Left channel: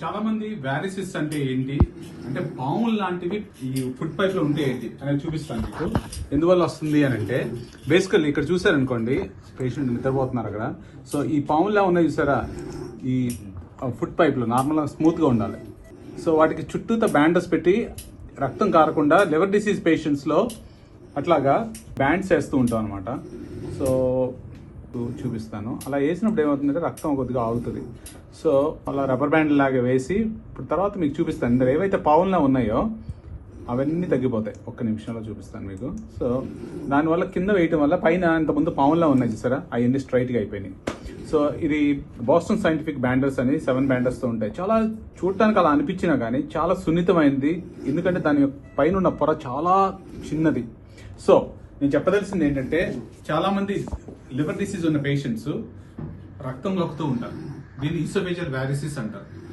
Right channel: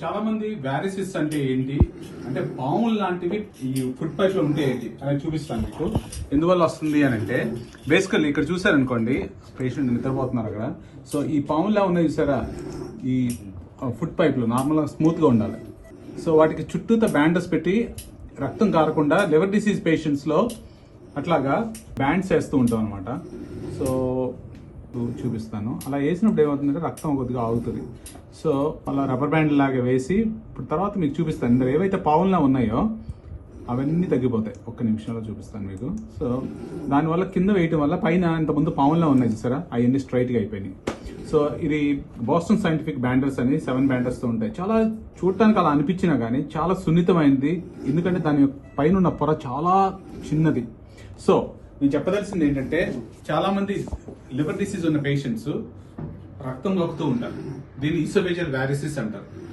చాలా మంది వ్యారిసిస్ అంటే ఏంటి, అంటే పాములు లాంటివి ఈ ఫుడ్ పైప్ లో ఉంటే ఏంటి అనేది చూపిస్తాను మీకు. ఎందువల్ల వస్తుంది అని అంటే బేసికల్లీ ఇక్కడ చూసారు అనుకోండి, పేషెంట్ నిద్రపోతున్నారు అక్కడ. సో ఈ పాములా ఉన్నాయి చూసారా, ఈ ఫుడ్ పైప్ లో నార్మల్ గా స్మూత్ గా ఉండాలి. సో వాటికి చుట్టూతో బ్యాండేజ్ పెట్టి రక్తం కారకుండా లివర్ డిసీజ్ పేషెంట్స్ లో అట్లాగా బ్యాండ్స్ వేస్తూ ఉంటాం అనమాట. సో చూపిస్తాను. అలా వేసినప్పుడు ఏమవుతుందంటే రక్తం కొద్దిగా ఆగుతుంది. సో అలా రబ్బర్ బ్యాండ్ లాగా వేసి ఇప్పుడు తర్వాత మీకు చూపిస్తాను. ఇందులో ఏవైతే పావులుగా ఉన్నాయో అవన్నీ తగ్గిపోతాయి. ఒక్క నిమిషంలో చూపిస్తాను మీకు. సో దానివల్ల కింద వేయటం వల్ల పైన ఇంతకుముందు పావులుగా ఉన్నాయి చూసారా, అవన్నీ స్ట్రైట్గా అయిపోయినాయి. సో ఇది బోస్టన్ సైంటిఫిక్ బ్యాండర్స్ అని 7 బ్యాండర్స్ తో ఉంటాయి. చాలా చూడటానికి అలా అనిపించినా కానీ చాలా సున్నితమైనది, ఎందుకంటే దాని పైన ఉన్న పొర చాలా చిన్నది. సో నేను చెప్పదలసింది ఏంటంటే, చాలా మంది లివర్ డిసీజ్ ఉన్న పేషెంట్స్ రక్తం లొక్కుతూ ఉంటారు. దీన్ని ఈసోఫేజియల్ వ్యారిసిస్ అంటారు.